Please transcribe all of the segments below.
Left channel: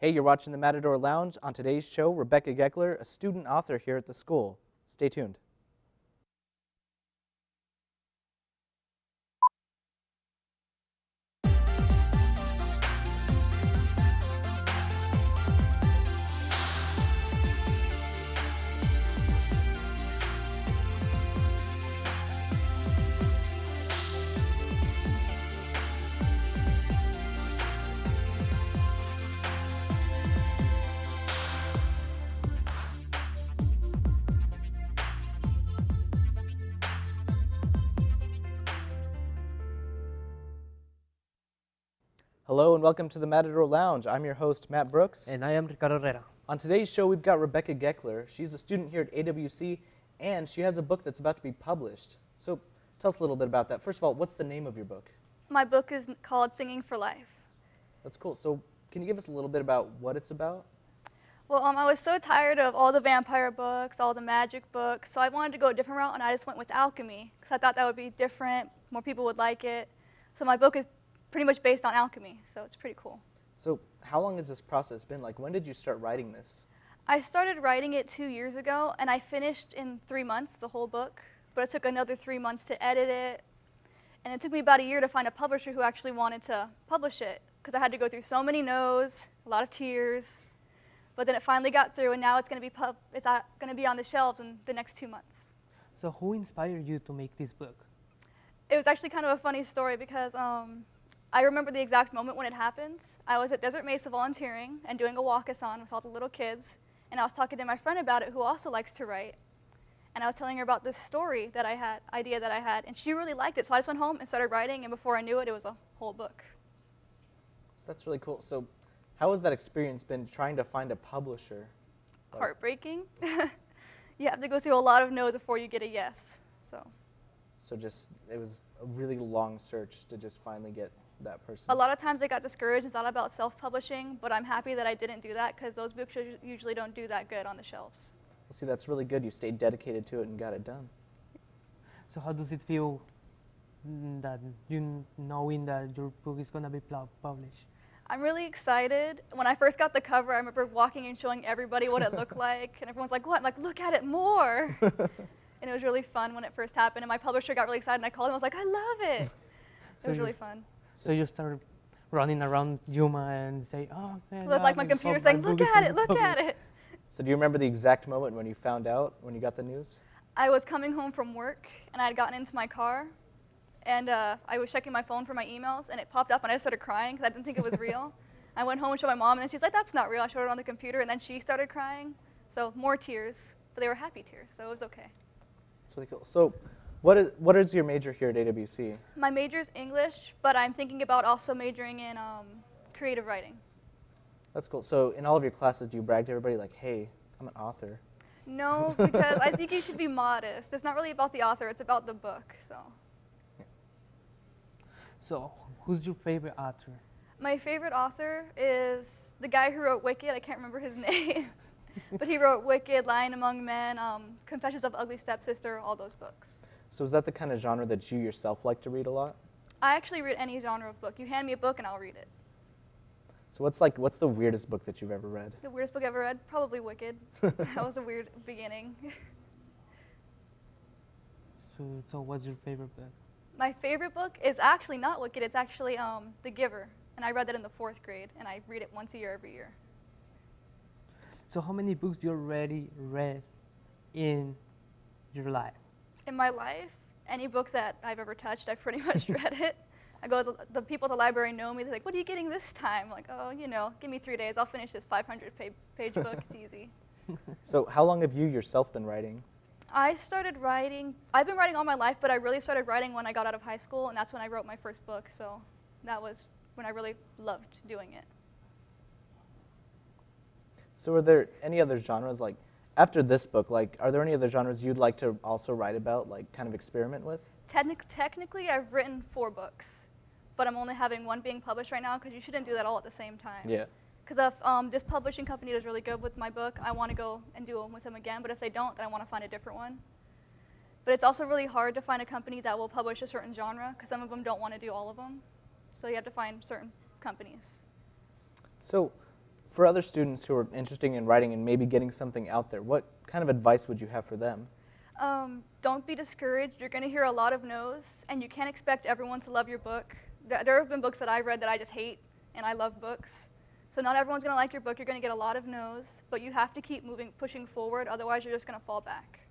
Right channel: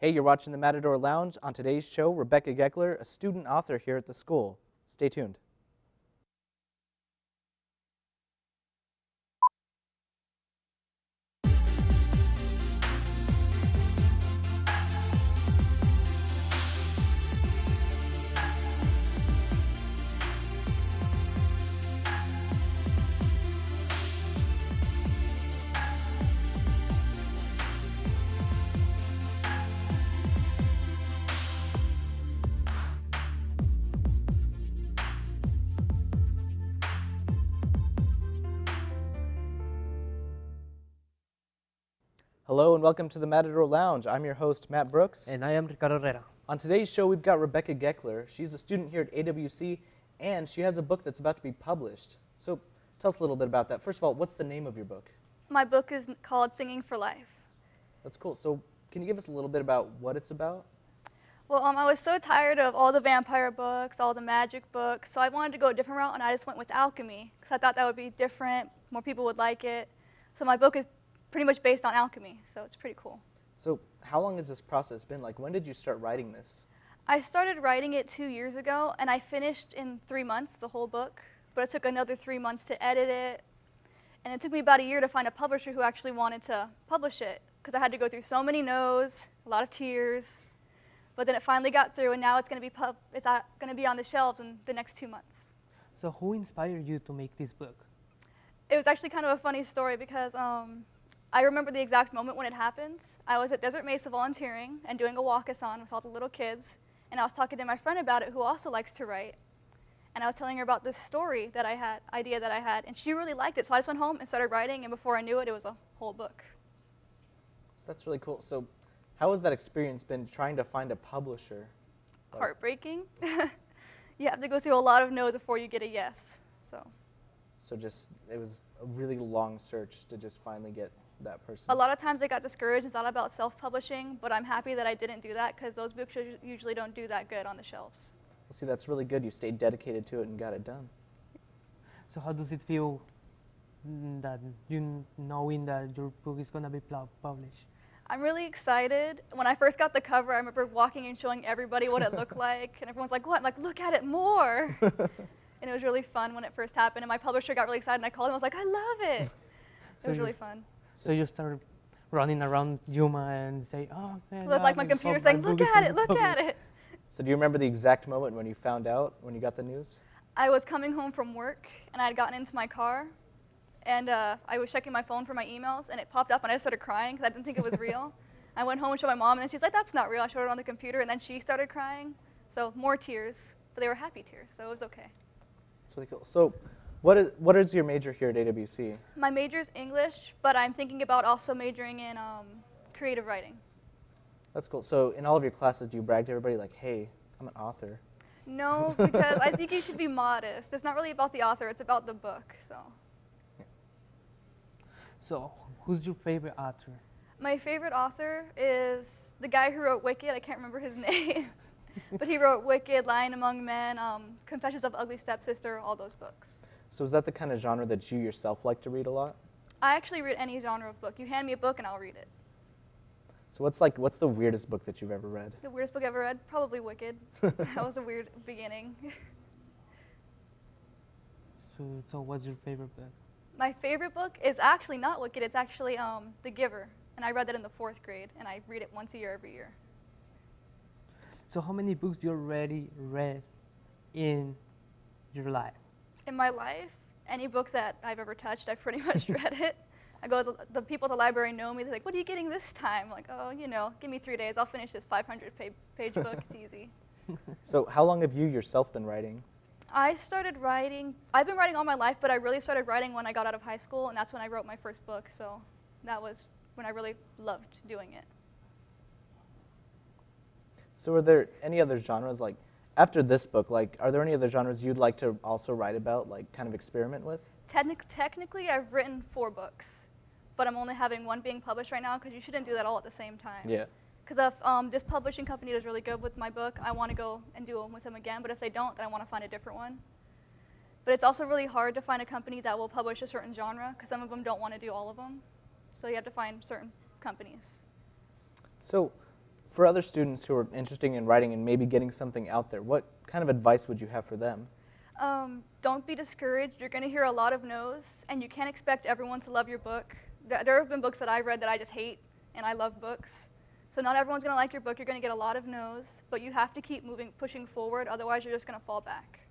Hey, you're watching the Matador Lounge. On today's show, Rebecca Goekler, a student author here at the school. Stay tuned. Hello and welcome to the Matador Lounge. I'm your host, Matt Brooks. And I am Ricardo Herrera. On today's show, we've got Rebecca Goekler. She's a student here at AWC, and she has a book that's about to be published. So tell us a little bit about that. First of all, what's the name of your book? My book is called Singing for Life. That's cool. So can you give us a little bit about what it's about? Well, I was so tired of all the vampire books, all the magic books, so I wanted to go a different route, and I just went with alchemy, because I thought that would be different, more people would like it. So my book is pretty much based on alchemy, so it's pretty cool. So how long has this process been? Like, when did you start writing this? I started writing it 2 years ago, and I finished in 3 months, the whole book, but it took another 3 months to edit it, and it took me about a year to find a publisher who actually wanted to publish it, because I had to go through so many no's, a lot of tears, but then it finally got through, and now it's going to be on the shelves in the next 2 months. So who inspired you to make this book? It was actually kind of a funny story because I remember the exact moment when it happened. I was at Desert Mesa volunteering and doing a walkathon with all the little kids, and I was talking to my friend about it who also likes to write, and I was telling her about this story that I had, idea that I had, and she really liked it, so I just went home and started writing, and before I knew it, it was a whole book. So that's really cool. So how has that experience been trying to find a publisher? Heartbreaking. You have to go through a lot of no's before you get a yes. So just, it was a really long search to just finally get that person. A lot of times I got discouraged. It's not about self-publishing, but I'm happy that I didn't do that because those books usually don't do that good on the shelves. Well, see, that's really good. You stayed dedicated to it and got it done. So how does it feel that knowing that your book is going to be published? I'm really excited. When I first got the cover, I remember walking and showing everybody what it looked like, and everyone's like, what? I'm like, look at it more. And it was really fun when it first happened, and my publisher got really excited, and I called him, I was like, I love it. It was really fun. So you started running around Yuma and say, oh, man. With like my computer saying, look at it, look at it. So do you remember the exact moment when you found out, when you got the news? I was coming home from work, and I had gotten into my car, and I was checking my phone for my emails, and it popped up, and I just started crying because I didn't think it was real. I went home and showed my mom, and then she was like, that's not real. I showed it on the computer, and then she started crying. So more tears, but they were happy tears, so it was okay. That's really cool. So what is your major here at AWC? My major is English, but I'm thinking about also majoring in creative writing. That's cool. So in all of your classes, do you brag to everybody like, hey, I'm an author? No, because I think you should be modest. It's not really about the author, it's about the book, so. So who's your favorite author? My favorite author is the guy who wrote Wicked. I can't remember his name. But he wrote Wicked, Lying Among Men, Confessions of Ugly Stepsister, all those books. So is that the kind of genre that you yourself like to read a lot? I actually read any genre of book. You hand me a book and I'll read it. So what's the weirdest book that you've ever read? The weirdest book I've ever read? Probably Wicked. That was a weird beginning. So what's your favorite book? My favorite book is actually not Wicked, it's actually The Giver. And I read that in the 4th grade, and I read it once a year every year. So how many books you already read in your life? In my life, any book that I've ever touched, I've pretty much read it. I go, the people at the library know me, they're like, what are you getting this time? I'm like, oh, you know, give me 3 days, I'll finish this 500-page book, it's easy. So how long have you yourself been writing? I started writing, I've been writing all my life, but I really started writing when I got out of high school, and that's when I wrote my first book, so that was when I really loved doing it. So are there any other genres, like, after this book, like, are there any other genres you'd like to also write about, like, kind of experiment with? Technically, I've written 4 books, but I'm only having 1 being published right now, because you shouldn't do that all at the same time. Yeah. Because if this publishing company does really good with my book, I want to go and do them with them again, but if they don't, then I want to find a different one. But it's also really hard to find a company that will publish a certain genre, because some of them don't want to do all of them. So you have to find certain companies. So for other students who are interested in writing and maybe getting something out there, what kind of advice would you have for them? Don't be discouraged. You're going to hear a lot of no's, and you can't expect everyone to love your book. There have been books that I've read that I just hate, and I love books. So not everyone's going to like your book. You're going to get a lot of no's, but you have to keep moving, pushing forward. Otherwise, you're just going to fall back.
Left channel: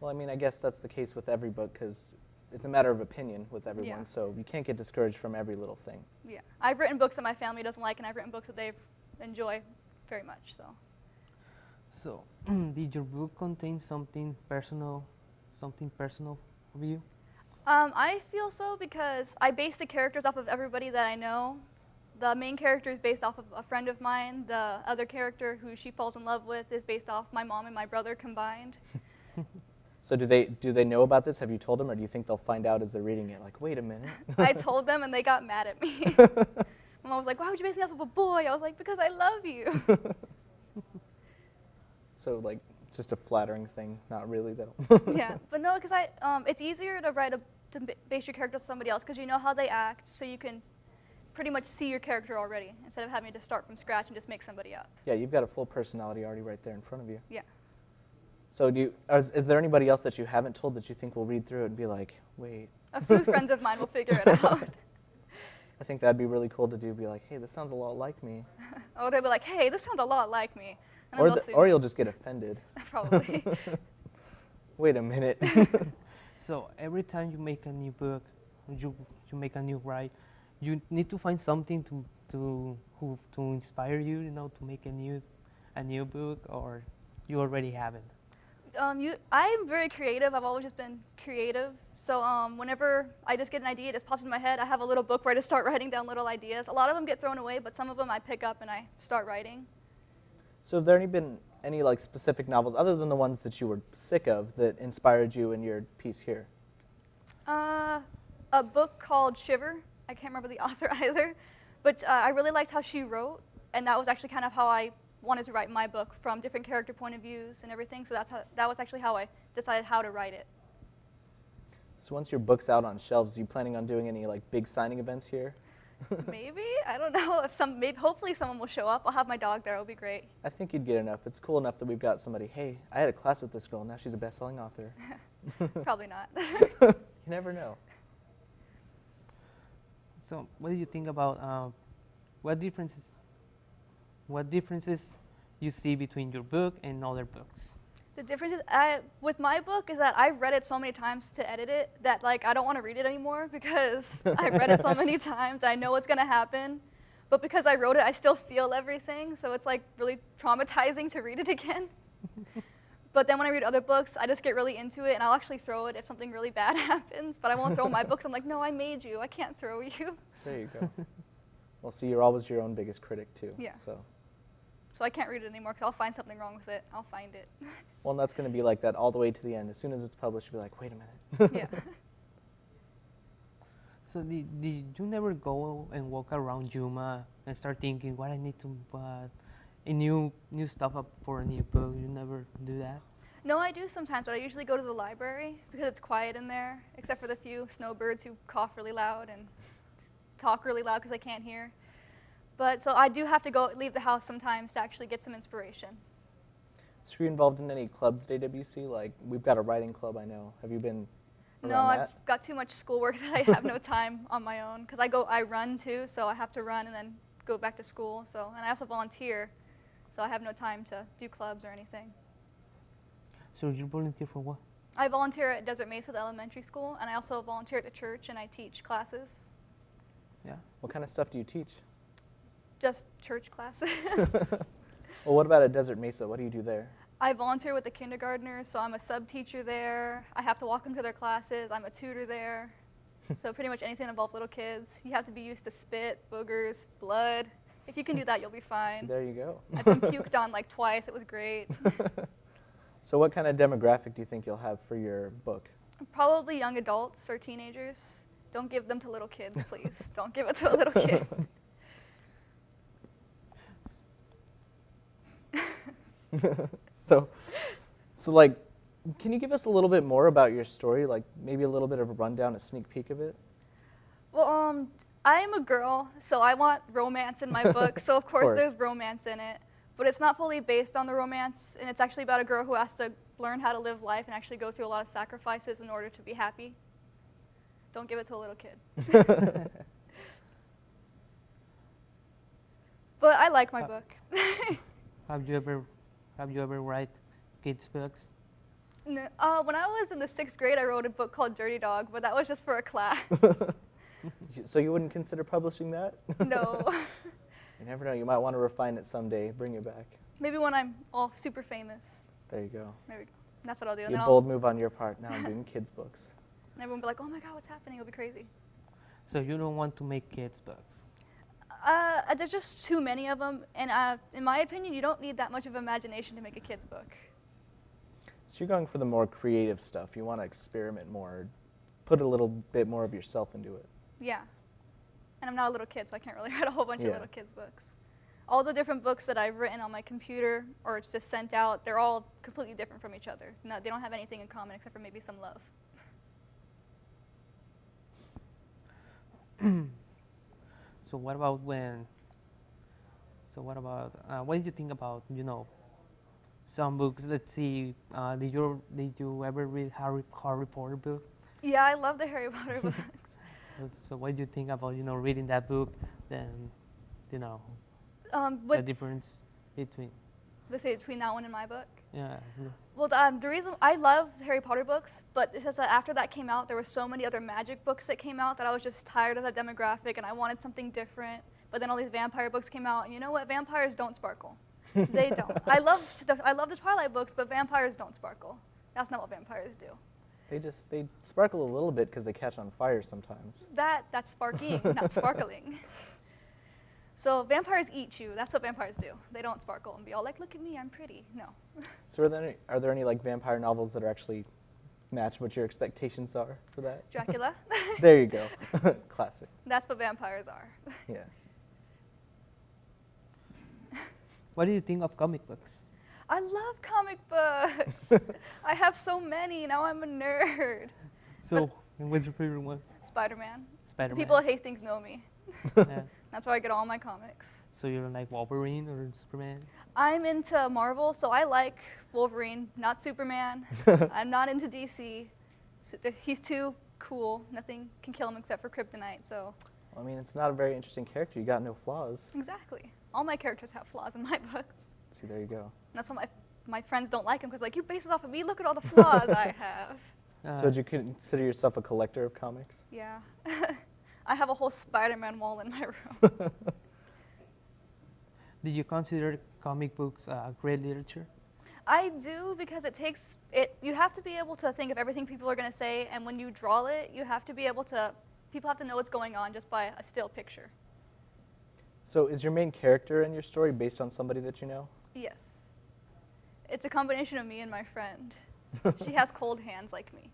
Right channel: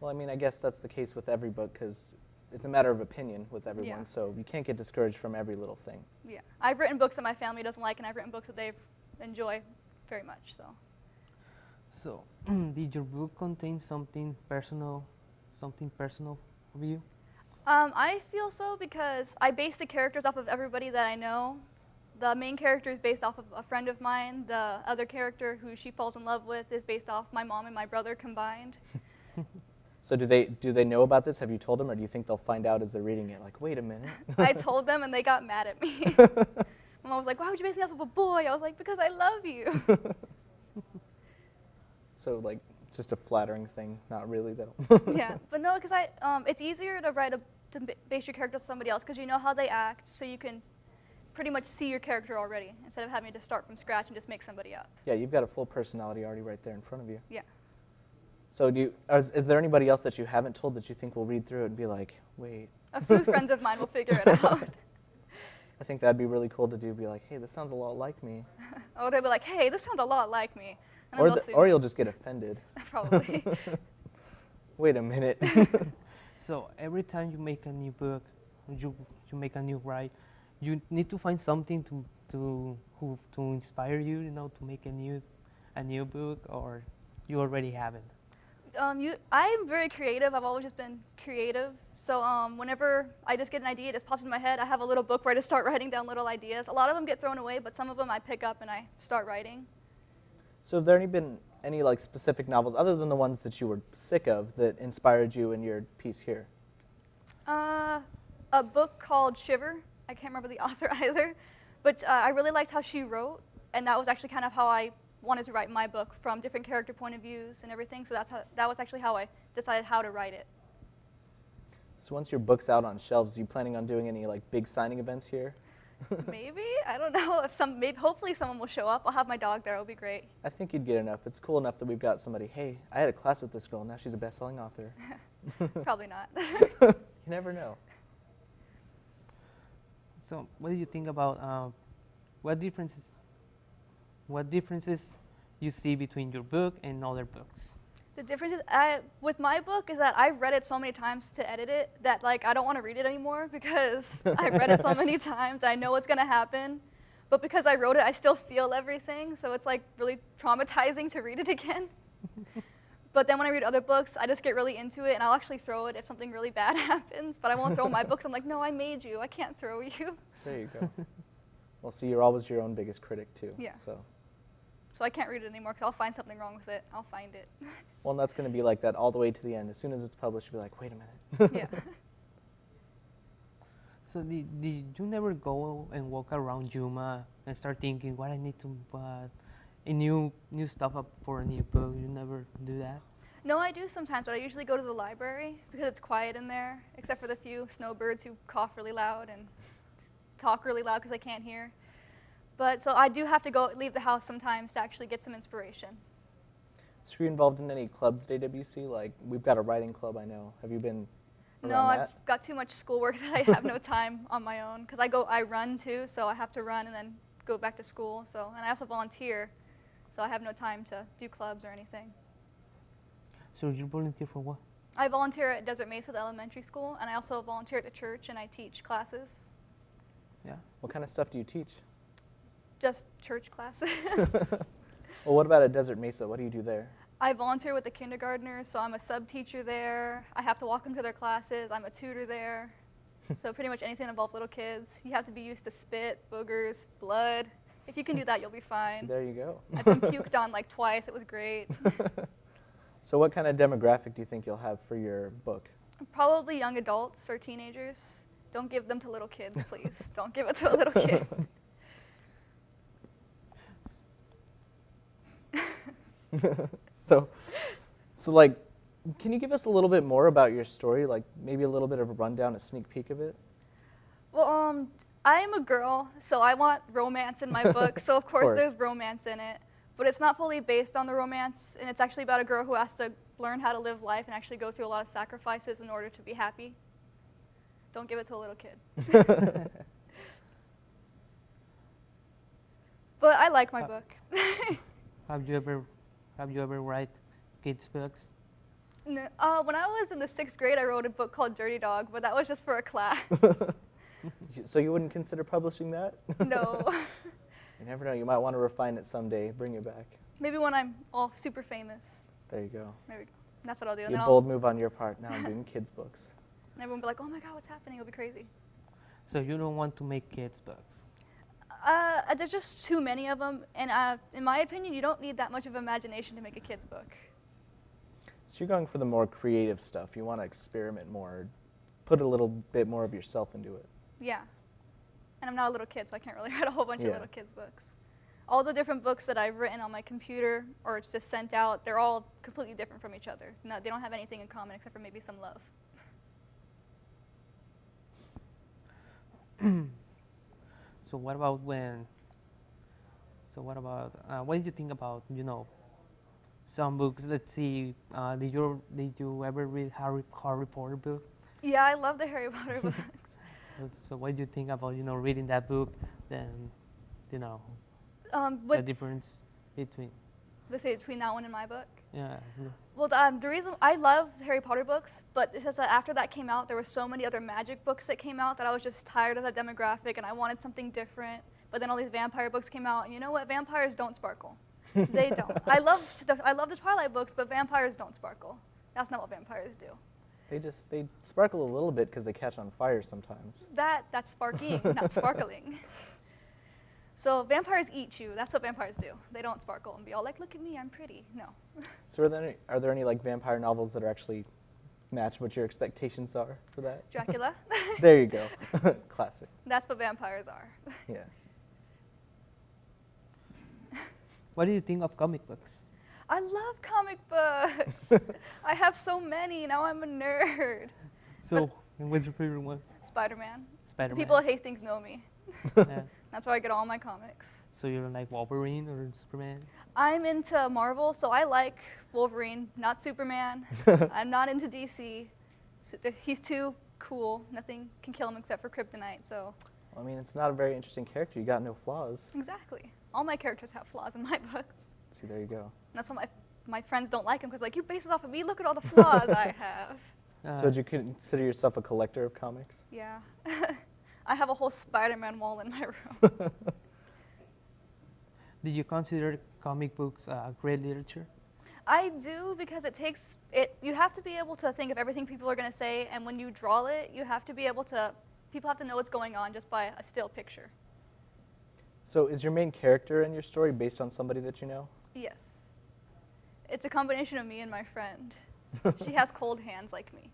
Well, I mean, I guess that's the case with every book because it's a matter of opinion with everyone, Yeah. so you can't get discouraged from every little thing. Yeah, I've written books that my family doesn't like, and I've written books that they enjoy very much. So, did your book contain something personal for you? I feel so because I base the characters off of everybody that I know. The main character is based off of a friend of mine. The other character who she falls in love with is based off my mom and my brother combined. So do they know about this? Have you told them, or do you think they'll find out as they're reading it? Like, wait a minute. I told them, and they got mad at me. My mom was like, "Why would you base me off of a boy?" I was like, "Because I love you." So like, just a flattering thing, not really though. Yeah, but no, because it's easier to base your character on somebody else because you know how they act, so you can pretty much see your character already instead of having to start from scratch and just make somebody up. Yeah, you've got a full personality already right there in front of you. Yeah. So is there anybody else that you haven't told that you think will read through it and be like, wait? A few friends of mine will figure it out. I think that'd be really cool to do. Be like, hey, this sounds a lot like me. Or they'll be like, "Hey, this sounds a lot like me," and then they'll sue Or me. you'll just get offended. Probably. Wait a minute. So every time you make a new book, you make a new write, you need to find something to inspire you, to make a new book, or you already have it. I'm very creative. I've always just been creative. So whenever I just get an idea, it just pops into my head. I have a little book where I just start writing down little ideas. A lot of them get thrown away, but some of them I pick up and I start writing. So have there been any like specific novels other than the ones that you were sick of that inspired you in your piece here? A book called Shiver. I can't remember the author either, but I really liked how she wrote, and that was actually kind of how I wanted to write my book, from different character point of views and everything. So that was actually how I decided how to write it. So once your book's out on shelves, are you planning on doing any like big signing events here? Maybe, I don't know. Hopefully someone will show up. I'll have my dog there. It'll be great. I think you'd get enough. It's cool enough that we've got somebody, hey, I had a class with this girl, now she's a best-selling author. Probably not. You never know. So what do you think about what differences you see between your book and other books? The difference is, with my book is that I've read it so many times to edit it that like I don't want to read it anymore because I've read it so many times. I know what's going to happen. But because I wrote it, I still feel everything. So it's like really traumatizing to read it again. But then when I read other books, I just get really into it, and I'll actually throw it if something really bad happens. But I won't throw my books. I'm like, no, I made you. I can't throw you. There you go. Well, see, you're always your own biggest critic, too. Yeah. So I can't read it anymore because I'll find something wrong with it. I'll find it. well, and that's going to be like that all the way to the end. As soon as it's published, you'll be like, wait a minute. Yeah. So did you never go and walk around Yuma and start thinking what I need to a new stuff up for a new book? You never do that? No, I do sometimes, but I usually go to the library because it's quiet in there, except for the few snowbirds who cough really loud and talk really loud because they can't hear. But so I do have to leave the house sometimes to actually get some inspiration. So are you involved in any clubs at AWC? Like, we've got a writing club, I know. Have you been No, around that? I've got too much schoolwork that I have no time on my own because I run too, so I have to run and then go back to school. And I also volunteer, so I have no time to do clubs or anything. So you volunteer for what? I volunteer at Desert Mesa, the elementary school, and I also volunteer at the church, and I teach classes. Yeah. What kind of stuff do you teach? Just church classes. Well, what about at Desert Mesa? What do you do there? I volunteer with the kindergartners, so I'm a sub-teacher there. I have to walk them to their classes. I'm a tutor there. So pretty much anything that involves little kids. You have to be used to spit, boogers, blood. If you can do that, you'll be fine. There you go. I've been puked on like twice. It was great. So what kind of demographic do you think you'll have for your book? Probably young adults or teenagers. Don't give them to little kids, please. Don't give it to a little kid. So like, can you give us a little bit more about your story? Like maybe a little bit of a rundown, a sneak peek of it? Well, I'm a girl, so I want romance in my book, so of course there's course. romance in it. But it's not fully based on the romance, and it's actually about a girl who has to learn how to live life and actually go through a lot of sacrifices in order to be happy. Don't give it to a little kid. But I like my book. Have you ever write kids books? When I was in the 6th grade, I wrote a book called Dirty Dog, but that was just for a class. So you wouldn't consider publishing that? No. You never know. You might want to refine it someday. Bring it back. Maybe when I'm all super famous. There you go. There we go. That's what I'll do. And Be a then bold move on your part. Now I'm doing kids' books. and everyone will be like, oh my God, what's happening? It'll be crazy. So you don't want to make kids books? There's just too many of them. And in my opinion, you don't need that much of imagination to make a kid's book. So you're going for the more creative stuff. You want to experiment more, put a little bit more of yourself into it. Yeah. And I'm not a little kid, so I can't really write a whole bunch of Yeah. little kids' books. All the different books that I've written on my computer or it's just sent out, they're all completely different from each other. No, they don't have anything in common except for maybe some love. So what about when? So what about? What did you think about some books? Let's see. Did you ever read Harry Potter book? Yeah, I love the Harry Potter books. So what do you think about reading that book? Then the What's difference between between that one and my book? yeah. Well, the reason I love Harry Potter books, but it's just that after that came out, there were so many other magic books that came out that I was just tired of that demographic and I wanted something different. But then all these vampire books came out, and you know what? Vampires don't sparkle. They don't. I love the Twilight books, but vampires don't sparkle. That's not what vampires do. They sparkle a little bit because they catch on fire sometimes. That's sparking, not sparkling. So vampires eat you. That's what vampires do. They don't sparkle and be all like, look at me, I'm pretty. No. So are there any like vampire novels that are actually match what your expectations are for that? Dracula. There you go. Classic. That's what vampires are. Yeah. What do you think of comic books? I love comic books. I have so many. Now I'm a nerd. So what's your favorite one? Spider-Man. The Spider-Man. people at Hastings know me. Yeah. That's where I get all my comics. So you don't like Wolverine or Superman? I'm into Marvel, so I like Wolverine, not Superman. I'm not into DC. He's too cool. Nothing can kill him except for kryptonite, so. Well, I mean, it's not a very interesting character. You got no flaws. Exactly. All my characters have flaws in my books. See, there you go. And that's why my friends don't like him, because like, you base it off of me, look at all the flaws I have. So would you consider yourself a collector of comics? Yeah. I have a whole Spider-Man wall in my room. Did you consider comic books great literature? I do, because you have to be able to think of everything people are going to say, and when you draw it, you have to be able to, people have to know what's going on just by a still picture. So is your main character in your story based on somebody that you know? Yes. It's a combination of me and my friend. She has cold hands like me.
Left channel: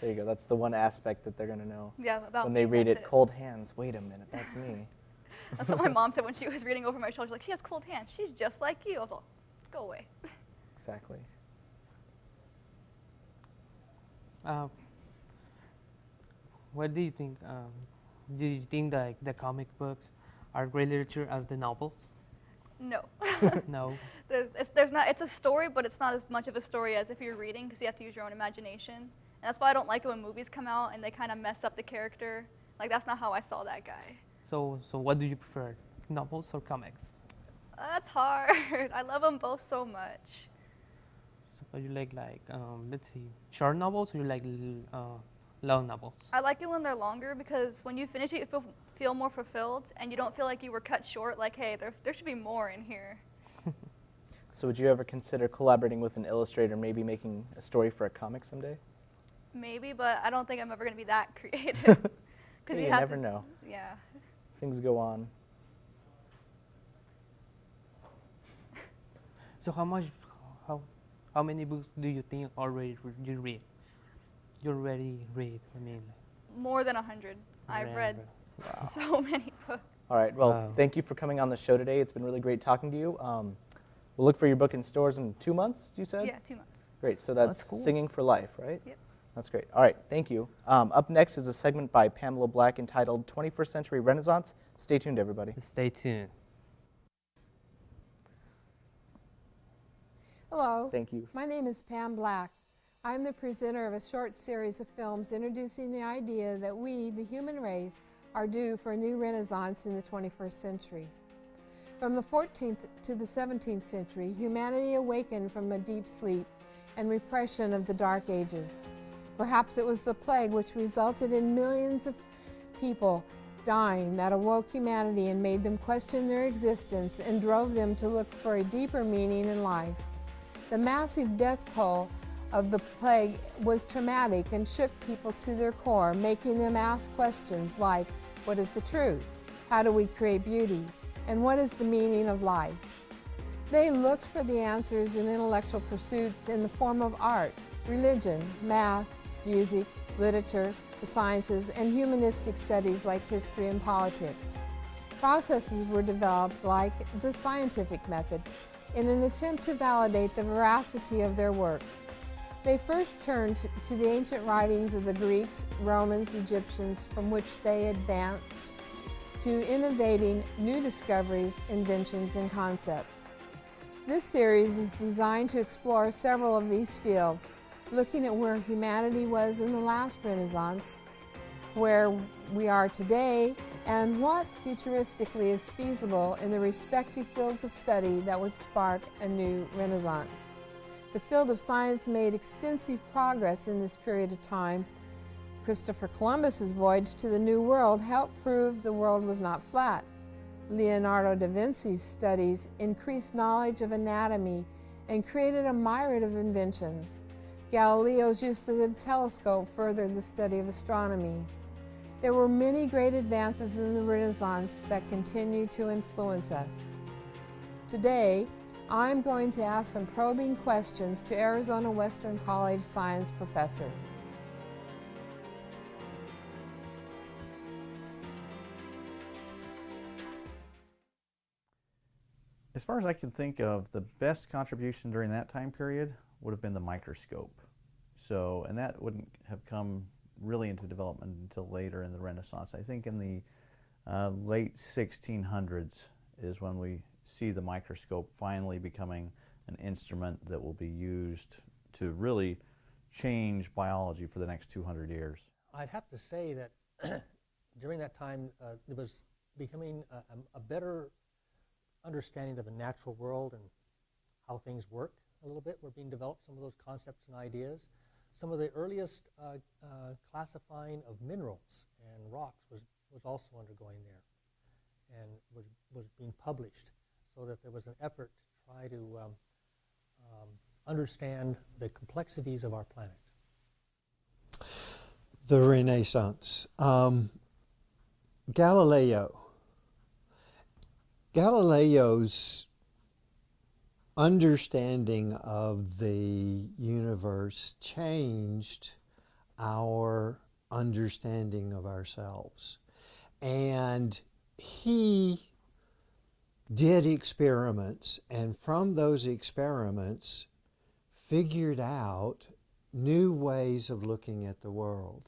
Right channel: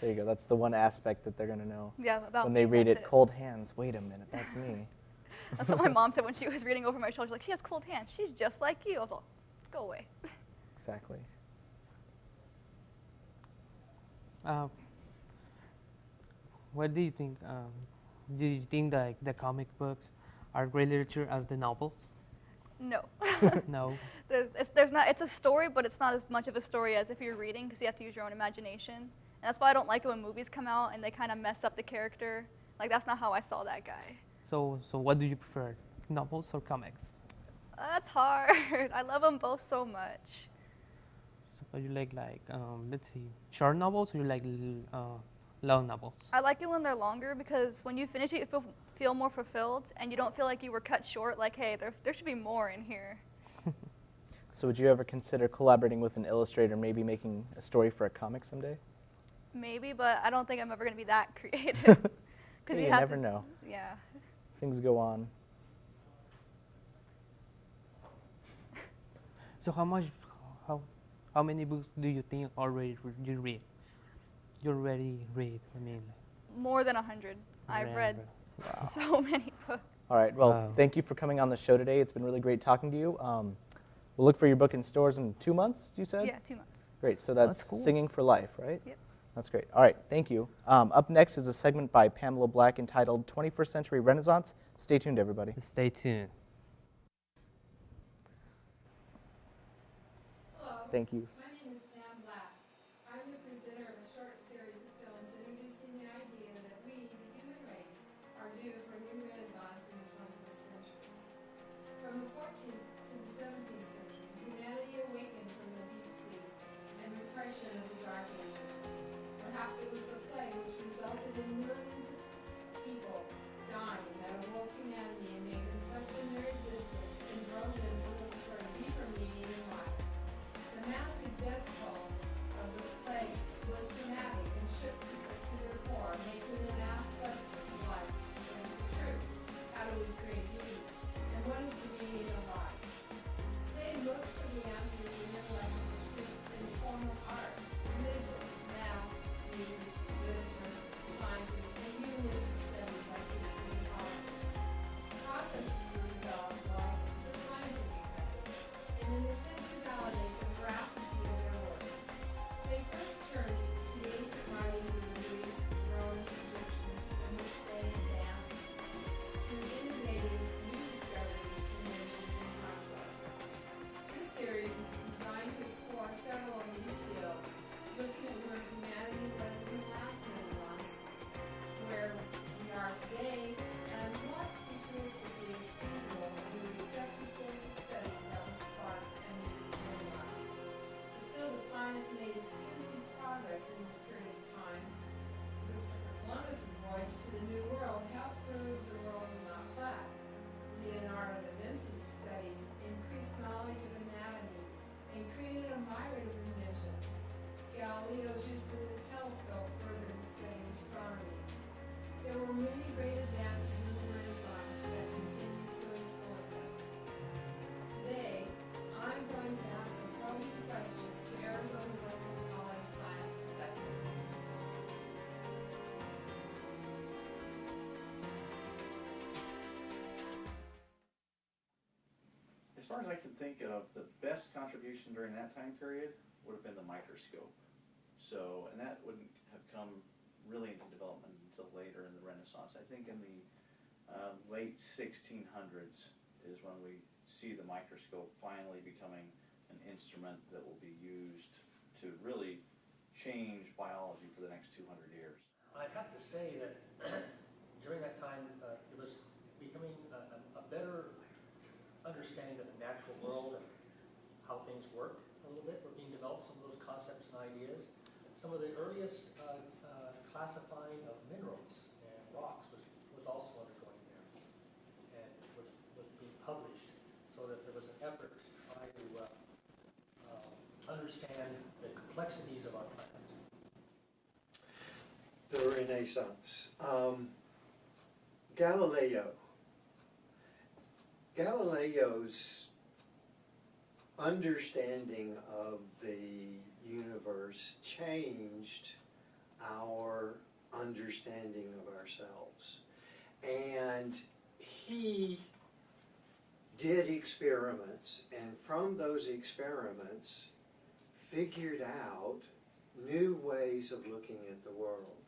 There you go. That's the one aspect that they're going to know. Yeah, about When me, they read that's it, cold hands. Wait a minute, that's me. That's what my mom said when she was reading over my shoulder. She's like, she has cold hands. She's just like you. I was like, go away. Exactly. What do you think? Do you think that the comic books are great literature as the novels? No. No. It's a story, but it's not as much of a story as if you're reading, because you have to use your own imagination. And that's why I don't like it when movies come out and they kind of mess up the character. Like, that's not how I saw that guy. So what do you prefer, novels or comics? That's hard. I love them both so much. So you like let's see, short novels, or you like long novels? I like it when they're longer, because when you finish it, you feel more fulfilled, and you don't feel like you were cut short, like, hey, there should be more in here. So would you ever consider collaborating with an illustrator, maybe making a story for a comic someday? Maybe, but I don't think I'm ever going to be that creative. Yeah, you you have never to, know. Yeah. Things go on. So how many books do you think already you read? You already read, I mean. More than 100. I've read Wow. so many books. All right, well, Wow. thank you for coming on the show today. It's been really great talking to you. We'll look for your book in stores in 2 months, you said? Yeah, 2 months. Great, so that's That's cool. Singing for Life, right? Yep. That's great. All right, thank you. Up next is a segment by Pamela Black entitled 21st Century Renaissance. Stay tuned, everybody. Stay tuned. Hello. Thank you. My name is Pam Black. I'm the presenter of a short series of films introducing the idea that we, the human race, are due for a new renaissance in the 21st century. From the 14th to the 17th century, humanity awakened from a deep sleep and repression of the Dark Ages. Perhaps it was the plague which resulted in millions of people dying that awoke humanity and made them question their existence and drove them to look for a deeper meaning in life. The massive death toll of the plague was traumatic and shook people to their core, making them ask questions like, what is the truth? How do we create beauty? And what is the meaning of life? They looked for the answers in intellectual pursuits in the form of art, religion, math, music, literature, the sciences, and humanistic studies like history and politics. Processes were developed like the scientific method in an attempt to validate the veracity of their work. They first turned to the ancient writings of the Greeks, Romans, Egyptians, from which they advanced to innovating new discoveries, inventions, and concepts. This series is designed to explore several of these fields, looking at where humanity was in the last Renaissance, where we are today, and what futuristically is feasible in the respective fields of study that would spark a new Renaissance. The field of science made extensive progress in this period of time. Christopher Columbus's voyage to the New World helped prove the world was not flat. Leonardo da Vinci's studies increased knowledge of anatomy and created a myriad of inventions. Galileo's use of the telescope furthered the study of astronomy. There were many great advances in the Renaissance that continue to influence us. Today, I'm going to ask some probing questions to Arizona Western College science professors. As far as I can think of, the best contribution during that time period would have been the microscope. So, and that wouldn't have come really into development until later in the Renaissance. I think in the late 1600s is when we see the microscope finally becoming an instrument that will be used to really change biology for the next 200 years. I'd have to say that during that time there was becoming a better understanding of the natural world and how things work a little bit were being developed, some of those concepts and ideas. Some of the earliest classifying of minerals and rocks was also undergoing there and was being published, so that there was an effort to try to understand the complexities of our planet. The Renaissance. Galileo's understanding of the universe changed our understanding of ourselves. And he did experiments, and from those experiments figured out new ways of looking at the world.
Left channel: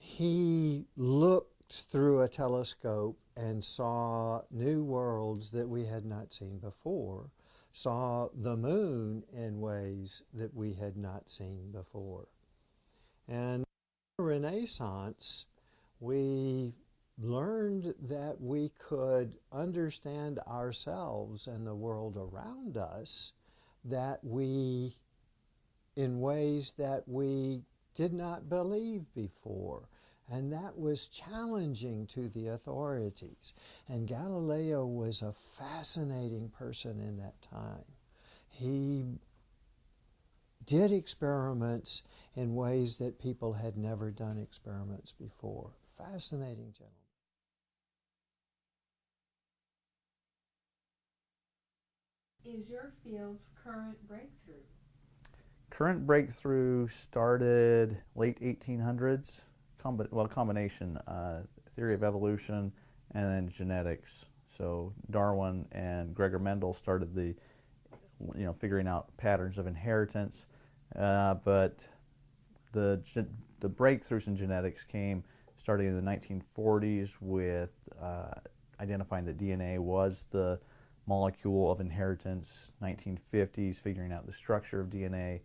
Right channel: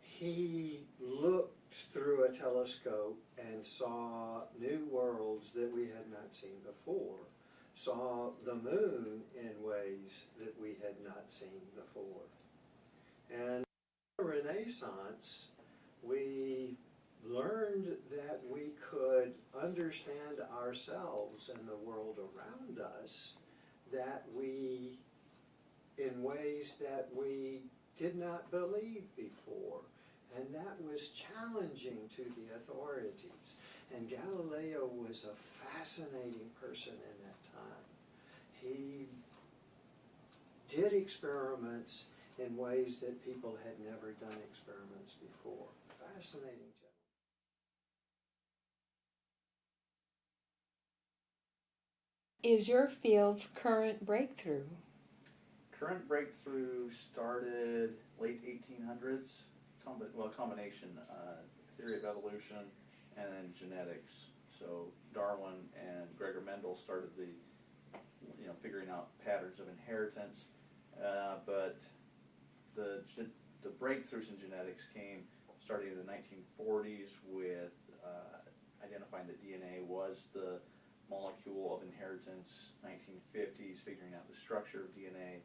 He looked through a telescope and saw new worlds that we had not seen before, saw the moon in ways that we had not seen before. And in the Renaissance, we learned that we could understand ourselves and the world around us in ways that we did not believe before. And that was challenging to the authorities. And Galileo was a fascinating person in that time. He did experiments in ways that people had never done experiments before. Fascinating gentleman. Is your field's current breakthrough? Current breakthrough started late 1800s. Combination, theory of evolution and then genetics. So Darwin and Gregor Mendel started figuring out patterns of inheritance. But the breakthroughs in genetics came starting in the 1940s with identifying that DNA was the molecule of inheritance, 1950s figuring out the structure of DNA,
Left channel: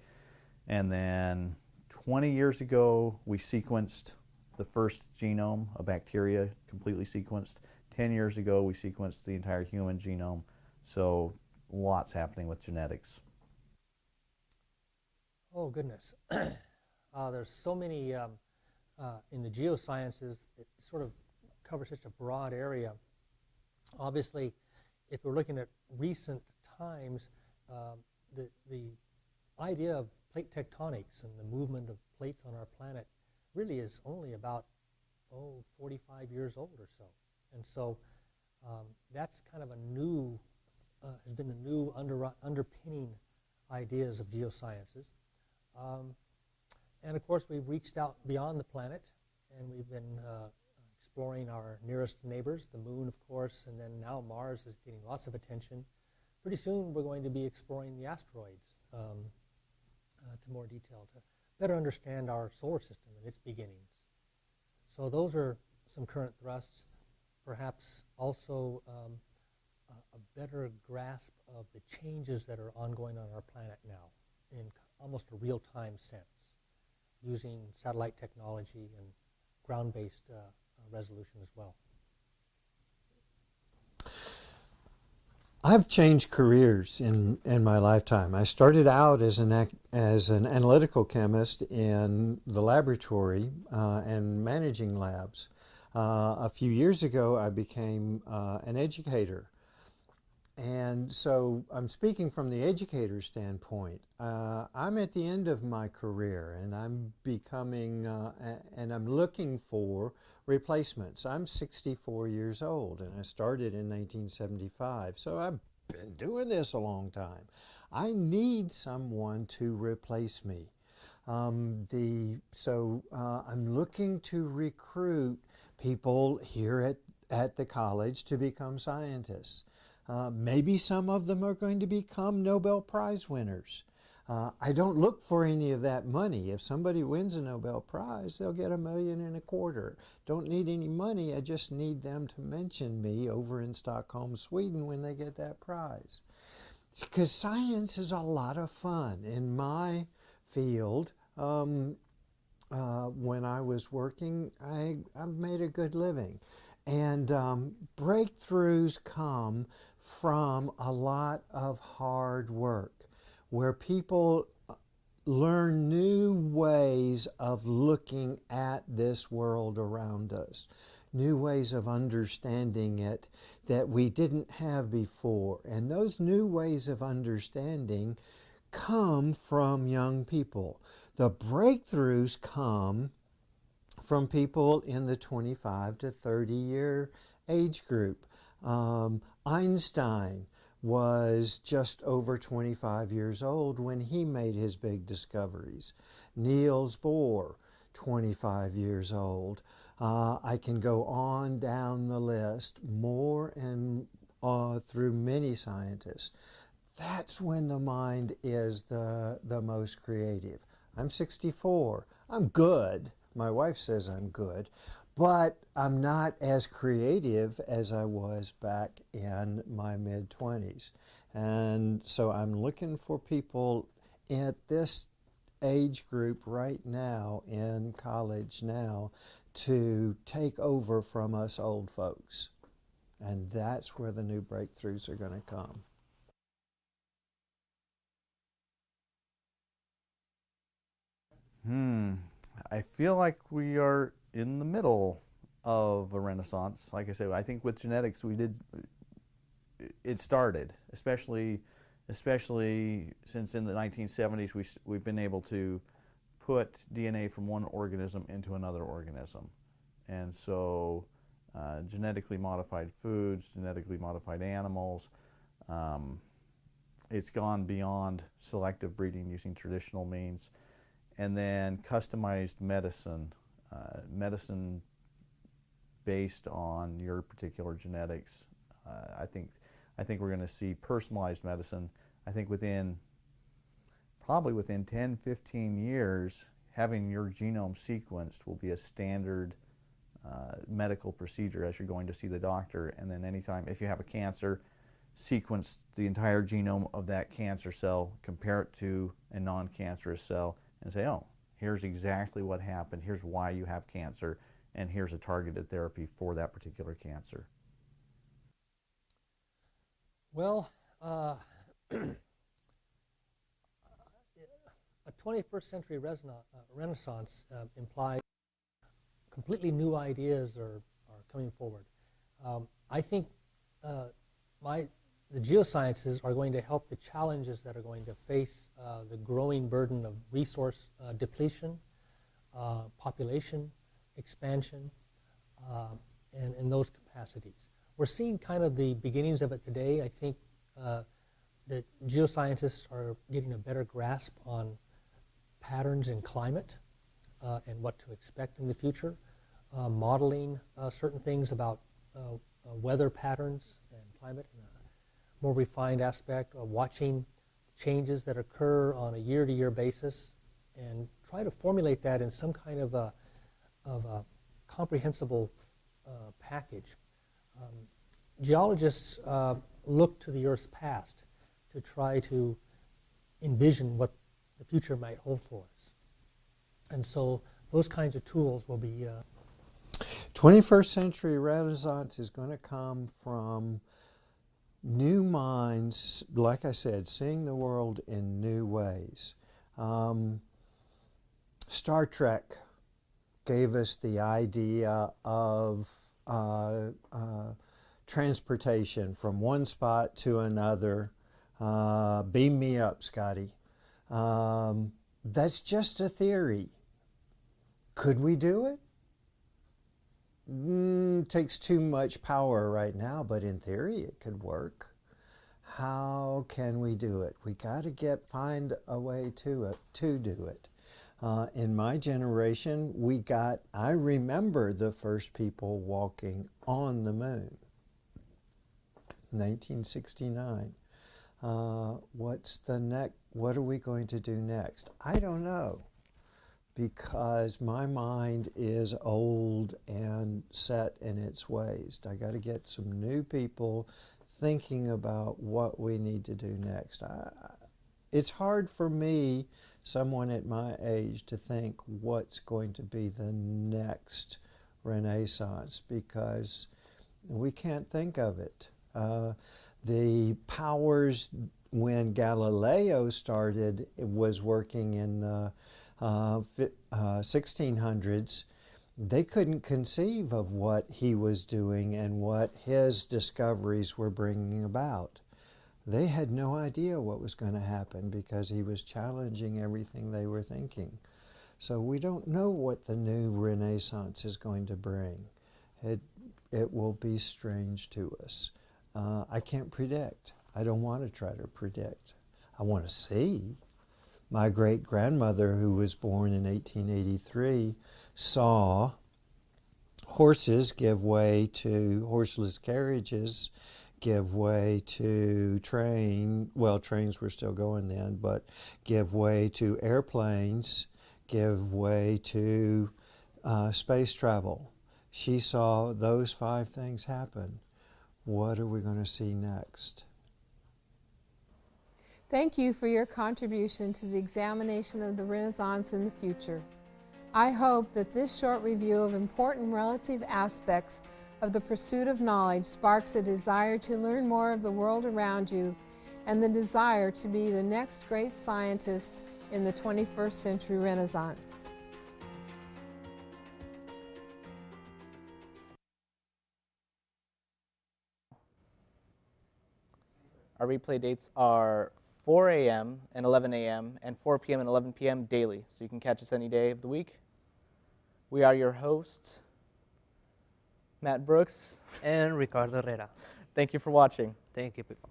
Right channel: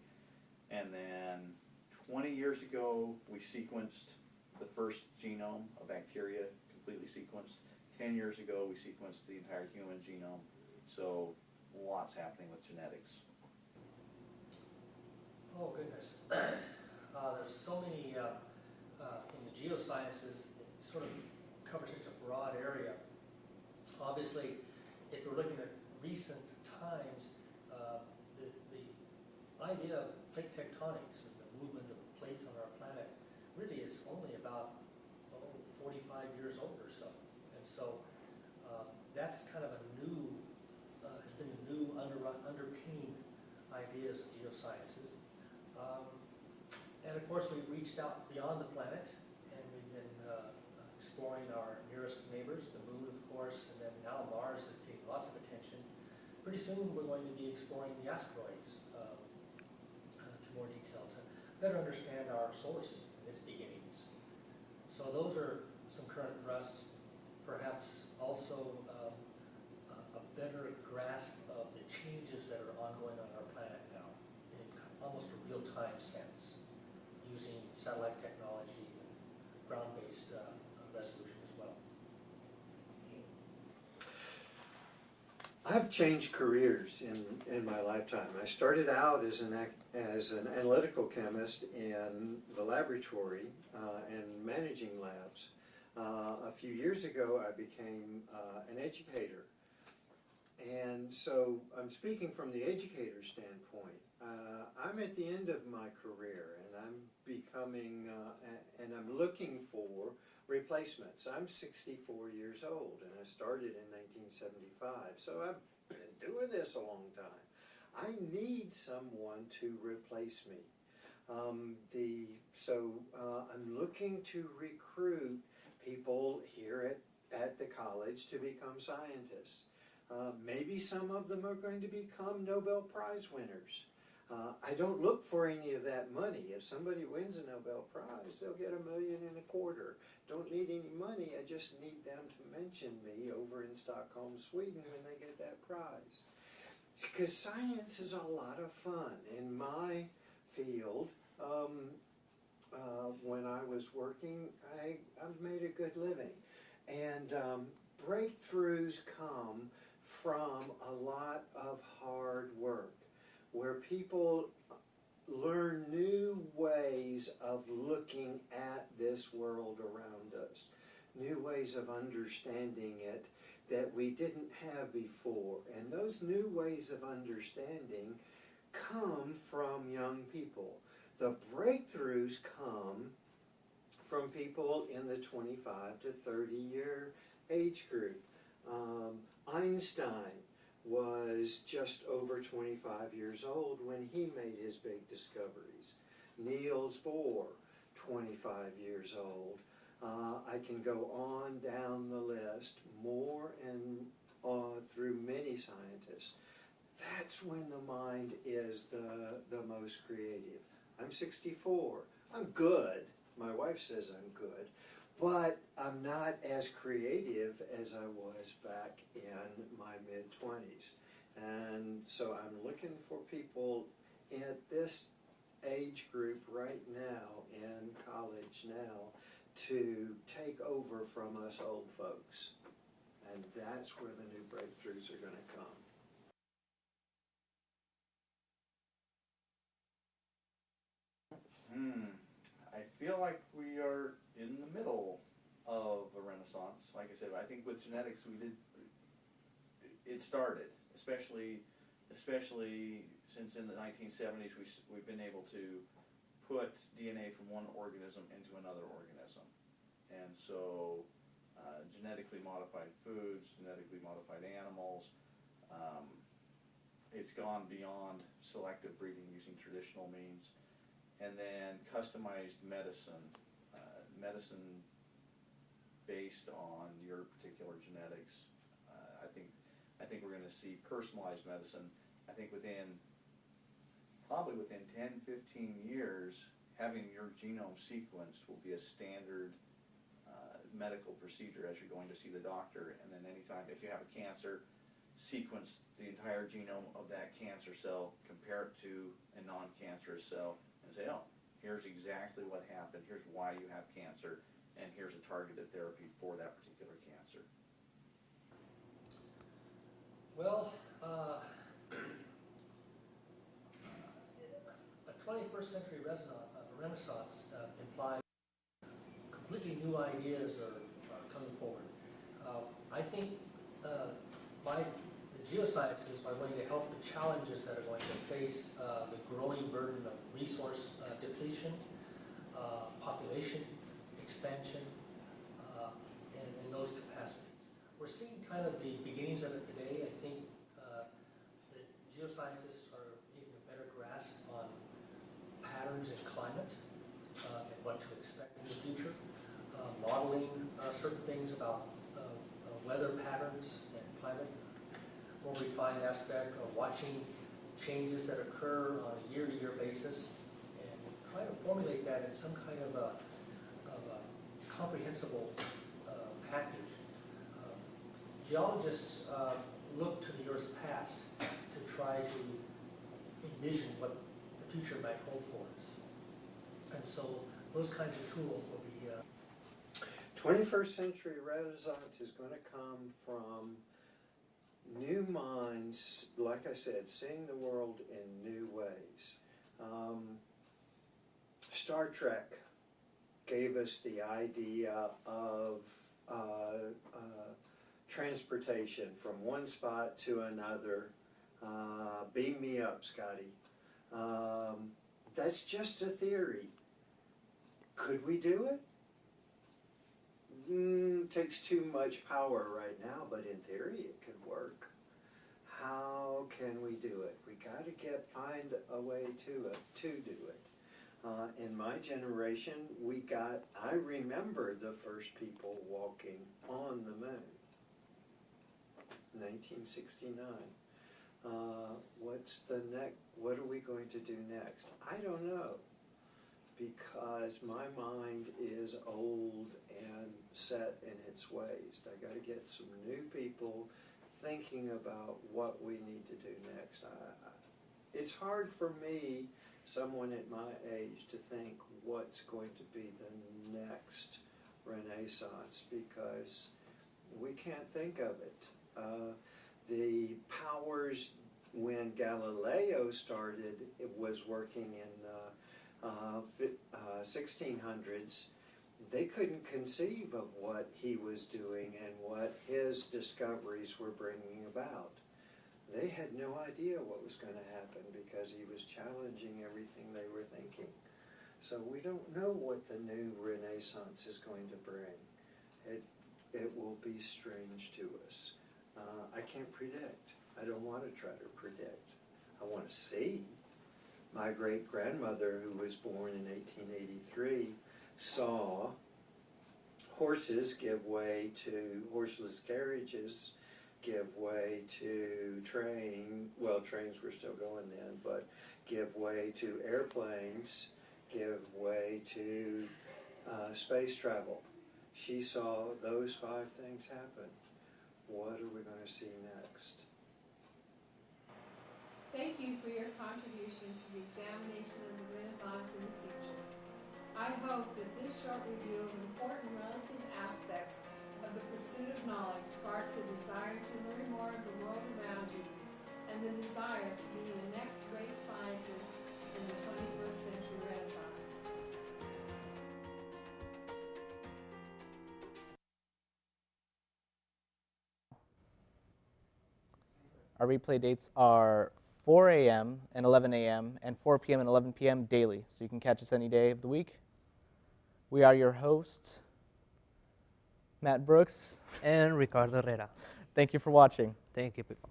and then 20 years ago we sequenced the first genome, a bacteria, completely sequenced. 10 years ago we sequenced the entire human genome, so lots happening with genetics. Oh goodness. There's so many in the geosciences. It sort of covers such a broad area. Obviously, if we're looking at recent times, the idea of plate tectonics and the movement of plates on our planet really is only about 45 years old or so. And so that's kind of a new, has been the new underpinning ideas of geosciences. And of course, we've reached out beyond the planet, and we've been exploring our nearest neighbors, the moon, of course, and then now Mars is getting lots of attention. Pretty soon, we're going to be exploring the asteroids to more detail, to better understand our solar system and its beginnings. So those are some current thrusts. Perhaps also a better grasp of the changes that are ongoing on our planet now in almost a real-time sense, using satellite technology and ground-based resolution as well. I've changed careers in my lifetime. I started out as an analytical chemist in the laboratory and managing labs. A few years ago, I became an educator. And so I'm speaking from the educator standpoint. I'm at the end of my career, and I'm becoming, and I'm looking for replacements. I'm 64 years old, and I started in 1975, so I've been doing this a long time. I need someone to replace me. I'm looking to recruit people here at the college to become scientists. Maybe some of them are going to become Nobel Prize winners. I don't look for any of that money. If somebody wins a Nobel Prize, they'll get $1.25 million. Don't need any money. I just need them to mention me over in Stockholm, Sweden when they get that prize. Because science is a lot of fun. In my field, when I was working, I made a good living. And breakthroughs come from a lot of hard work, where people learn new ways of looking at this world around us, new ways of understanding it that we didn't have before. And those new ways of understanding come from young people. The breakthroughs come from people in the 25 to 30 year age group. Einstein was just over 25 years old when he made his big discoveries. Niels Bohr, 25 years old. I can go on down the list, more and through many scientists. That's when the mind is the most creative. I'm 64. I'm good. My wife says I'm good, but I'm not as creative as I was back in my mid-20s. And so I'm looking for people at this age group right now in college now to take over from us old folks. And that's where the new breakthroughs are going to come. I feel like we are in the middle of a renaissance. Like I said, I think with genetics it started, especially since in the 1970s we've been able to put DNA from one organism into another organism. And so genetically modified foods, genetically modified animals, it's gone beyond selective breeding using traditional means. And then customized medicine, medicine based on your particular genetics. I think we're going to see personalized medicine. I think probably within 10, 15 years, having your genome sequenced will be a standard medical procedure as you're going to see the doctor. And then anytime, if you have a cancer, sequence the entire genome of that cancer cell, compare it to a non-cancerous cell, and say, oh, here's exactly what happened, here's why you have cancer, and here's a targeted therapy for that particular cancer. Well, a 21st century renaissance implies completely new ideas are coming forward. I think the geosciences are going to help the challenges that are going to face the growing burden of resource depletion, population expansion, and those capacities. We're seeing kind of the beginnings of it today. I think that geoscientists are getting a better grasp on patterns in climate and what to expect in the future, modeling certain things about weather patterns and climate, more refined aspect of watching changes that occur on a year-to-year basis and try to formulate that in some kind of a comprehensible package. Geologists look to the Earth's past to try to envision what the future might hold for us. And so those kinds of tools will be 21st century Renaissance is going to come from new minds, like I said, seeing the world in new ways. Star Trek gave us the idea of transportation from one spot to another. Beam me up, Scotty. That's just a theory. Could we do it? Takes too much power right now, but in theory it could work. How can we do it? We got to find a way to do it. In my generation, I remember the first people walking on the moon. 1969. What are we going to do next? I don't know, because my mind is old and set in its ways. I got to get some new people thinking about what we need to do next. It's hard for me, someone at my age, to think what's going to be the next Renaissance, because we can't think of it. The powers, when Galileo was working in the 1600s, they couldn't conceive of what he was doing and what his discoveries were bringing about. They had no idea what was going to happen because he was challenging everything they were thinking. So we don't know what the new Renaissance is going to bring. It will be strange to us. I can't predict. I don't want to try to predict. I want to see. My great-grandmother, who was born in 1883, saw horses give way to horseless carriages, give way to trains were still going then, but give way to airplanes, give way to space travel. She saw those 5 things happen. What are we going to see next? Thank you for your contribution to the examination of the Renaissance in the future. I hope that this short review of important relative aspects of the pursuit of knowledge sparks a desire to learn more of the world around you and the desire to be the next great scientist in the 21st century Renaissance. Our replay dates are 4 a.m. and 11 a.m. and 4 p.m. and 11 p.m. daily, so you can catch us any day of the week. We are your hosts, Matt Brooks and Ricardo Herrera. Thank you for watching. Thank you, people.